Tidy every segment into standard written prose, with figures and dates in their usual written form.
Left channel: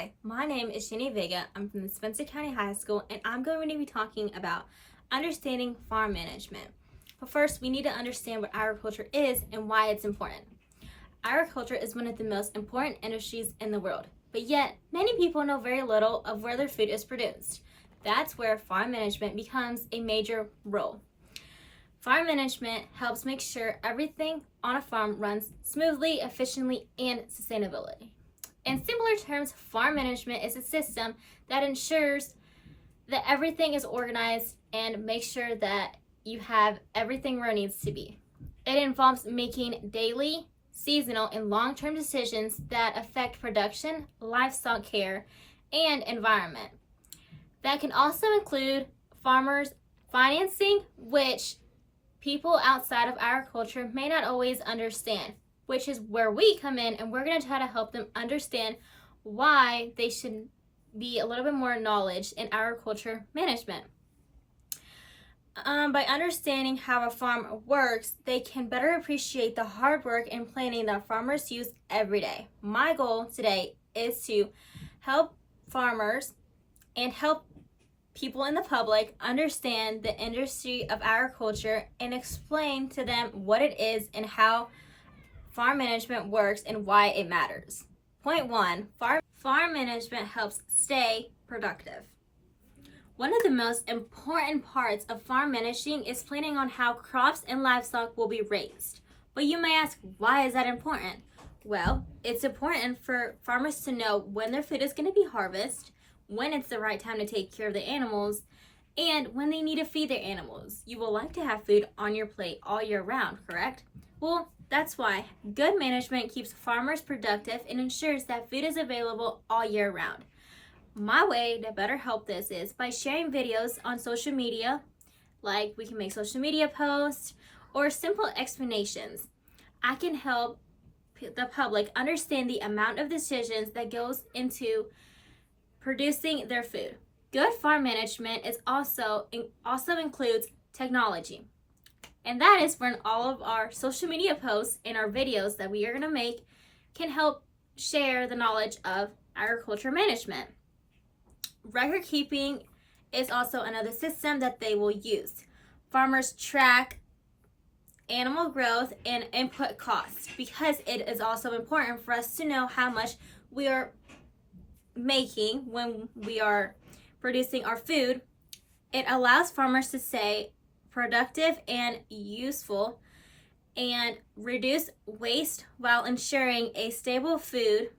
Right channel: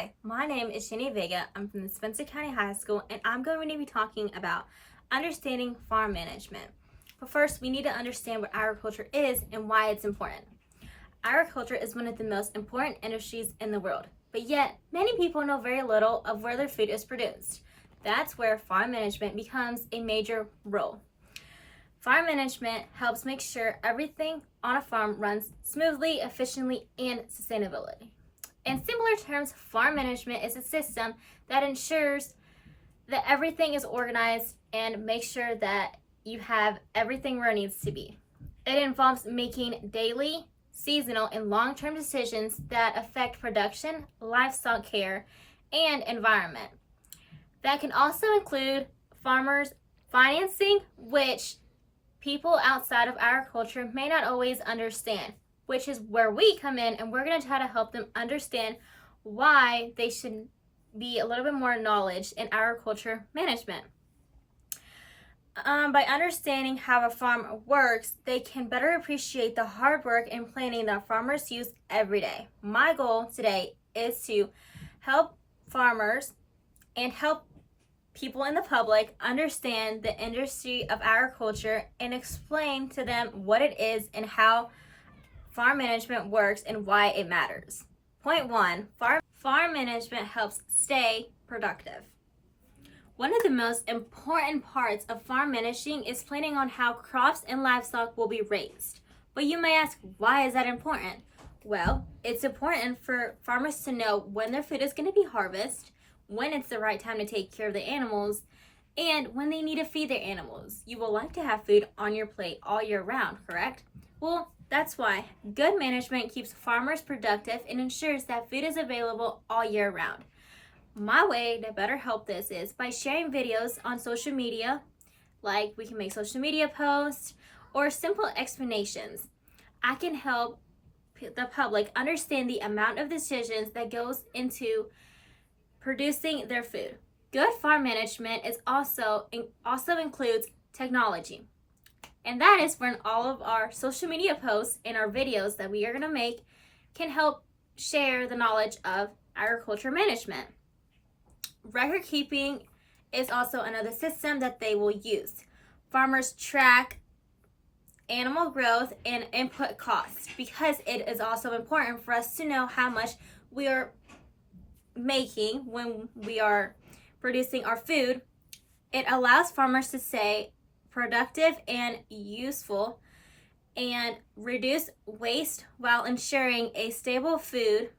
Hi, my name is Jenny Vega. I'm from the Spencer County High School, and I'm going to be talking about understanding farm management. But first, we need to understand what agriculture is and why it's important. Agriculture is one of the most important industries in the world, but yet many people know very little of where their food is produced. That's where farm management becomes a major role. Farm management helps make sure everything on a farm runs smoothly, efficiently, and sustainably. In simpler terms, farm management is a system that ensures that everything is organized and makes sure that you have everything where it needs to be. It involves making daily, seasonal, and long-term decisions that affect production, livestock care, and environment. That can also include farmers' financing, which people outside of agriculture may not always understand, which is where we come in, and we're going to try to help them understand why they should be a little bit more knowledge in agriculture management. By understanding how a farm works, they can better appreciate the hard work and planning that farmers use every day. My goal today is to help farmers and help people in the public understand the industry of agriculture and explain to them what it is and how farm management works and why it matters. Point 1, farm management helps stay productive. One of the most important parts of farm managing is planning on how crops and livestock will be raised. But you may ask, why is that important? Well, it's important for farmers to know when their food is going to be harvested, when it's the right time to take care of the animals, and when they need to feed their animals. You will like to have food on your plate all year round, correct? Well, that's why good management keeps farmers productive and ensures that food is available all year round. My way to better help this is by sharing videos on social media, like we can make social media posts or simple explanations. I can help the public understand the amount of decisions that goes into producing their food. Good farm management is also includes technology. And that is when all of our social media posts and our videos that we are going to make can help share the knowledge of agriculture management. Record keeping is also another system that they will use. Farmers track animal growth and input costs because it is also important for us to know how much we are making when we are producing our food. It allows farmers to stay productive and useful and reduce waste while ensuring a stable food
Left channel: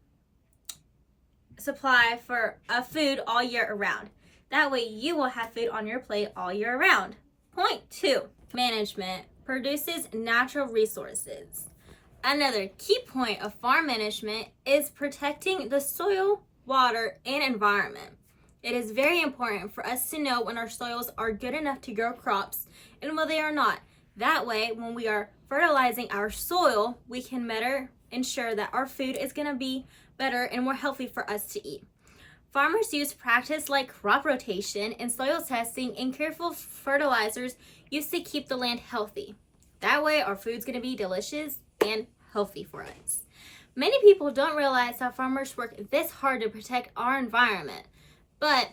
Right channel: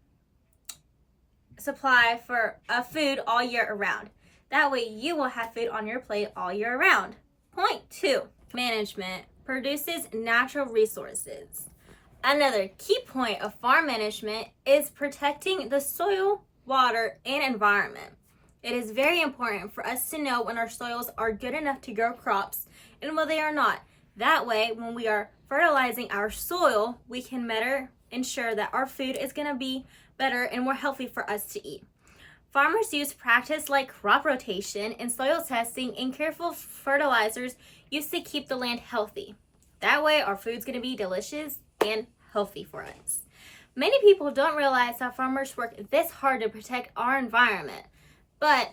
supply for food all year around. That way you will have food on your plate all year around. Point 2, management produces natural resources. Another key point of farm management is protecting the soil, water, and environment. It is very important for us to know when our soils are good enough to grow crops and when they are not. That way, when we are fertilizing our soil, we can better ensure that our food is going to be better and more healthy for us to eat. Farmers use practice like crop rotation and soil testing and careful fertilizers used to keep the land healthy. That way, our food's going to be delicious and healthy for us. Many people don't realize how farmers work this hard to protect our environment, but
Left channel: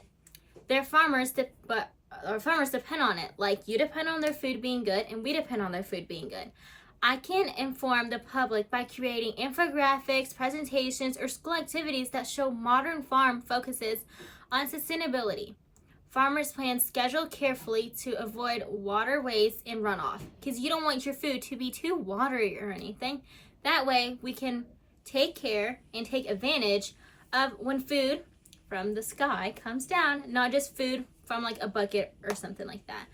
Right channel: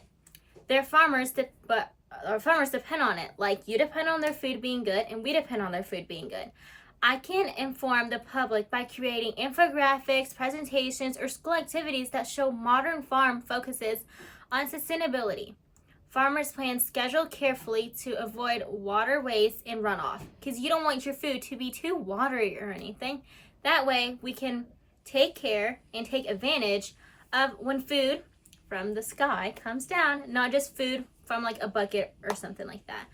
our farmers depend on it. Like you depend on their food being good, and we depend on their food being good. I can inform the public by creating infographics, presentations, or school activities that show modern farm focuses on sustainability. Farmers plan schedule carefully to avoid water waste and runoff because you don't want your food to be too watery or anything. That way we can take care and take advantage of when food from the sky comes down, not just food from like a bucket or something like that.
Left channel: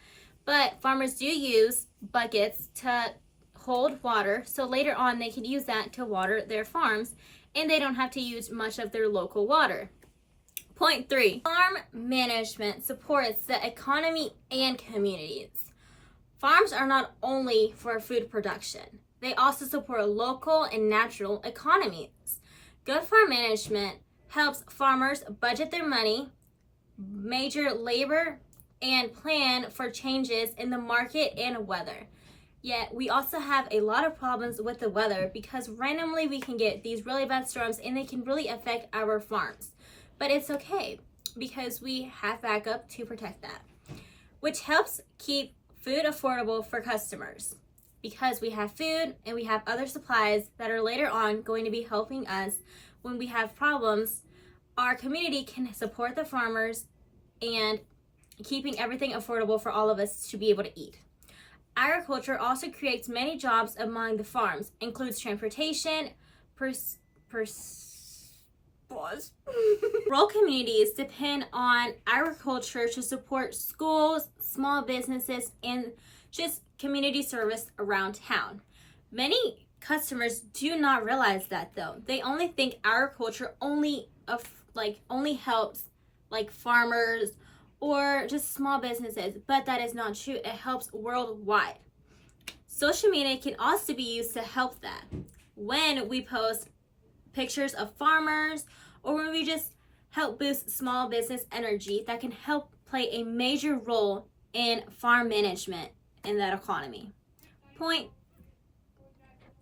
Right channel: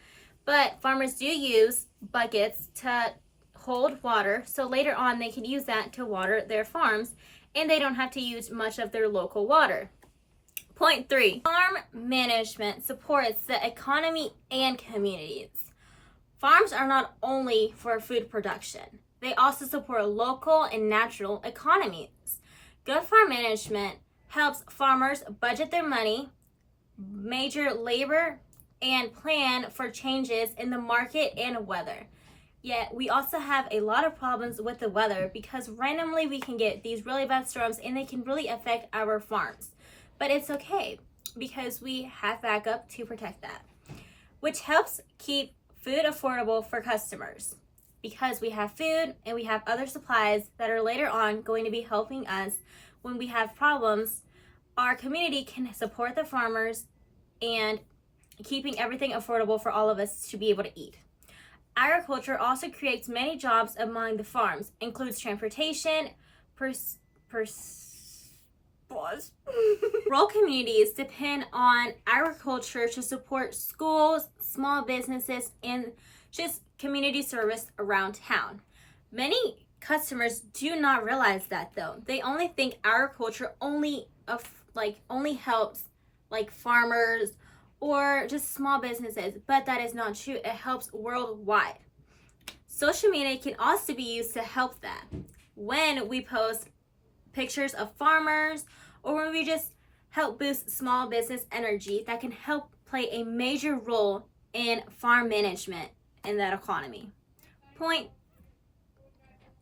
But farmers do use buckets to hold water, so later on they can use that to water their farms and they don't have to use much of their local water. Point 3, farm management supports the economy and communities. Farms are not only for food production, they also support local and natural economies. Good farm management helps farmers budget their money, measure labor, and plan for changes in the market and weather. Yet we also have a lot of problems with the weather because randomly we can get these really bad storms and they can really affect our farms. But it's okay because we have backup to protect that, which helps keep food affordable for customers. Because we have food and we have other supplies that are later on going to be helping us when we have problems, our community can support the farmers and keeping everything affordable for all of us to be able to eat. Agriculture also creates many jobs among the farms, includes transportation, Rural communities depend on agriculture to support schools, small businesses, and just community service around town. Many customers do not realize that though. They only think agriculture only helps like farmers or just small businesses, but that is not true. It helps worldwide. Social media can also be used to help that. When we post pictures of farmers or when we just help boost small business energy, that can help play a major role in farm management in that economy.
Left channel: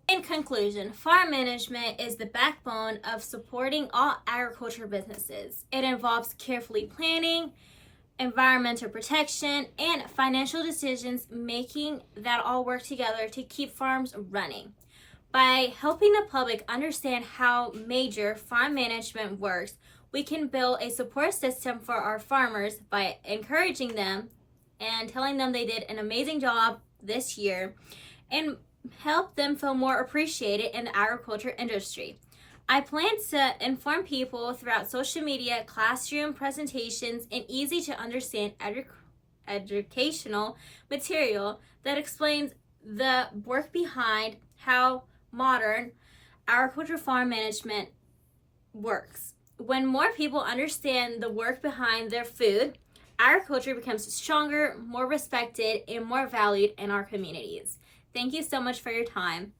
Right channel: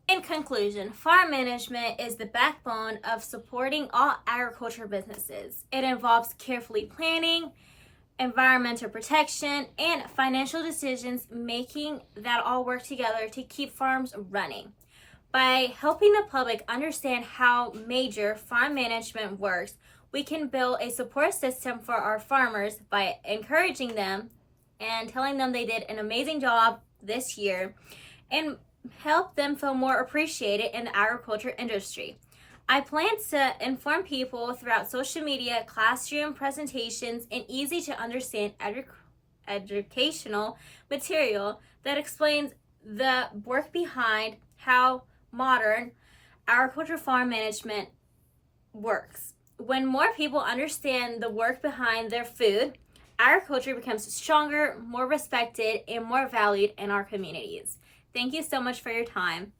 In conclusion, farm management is the backbone of supporting all agriculture businesses. It involves carefully planning, environmental protection, and financial decisions making that all work together to keep farms running. By helping the public understand how major farm management works, we can build a support system for our farmers by encouraging them and telling them they did an amazing job this year and help them feel more appreciated in the agriculture industry. I plan to inform people throughout social media, classroom presentations, and easy to understand educational material that explains the work behind how modern agriculture farm management works. When more people understand the work behind their food, agriculture becomes stronger, more respected, and more valued in our communities. Thank you so much for your time.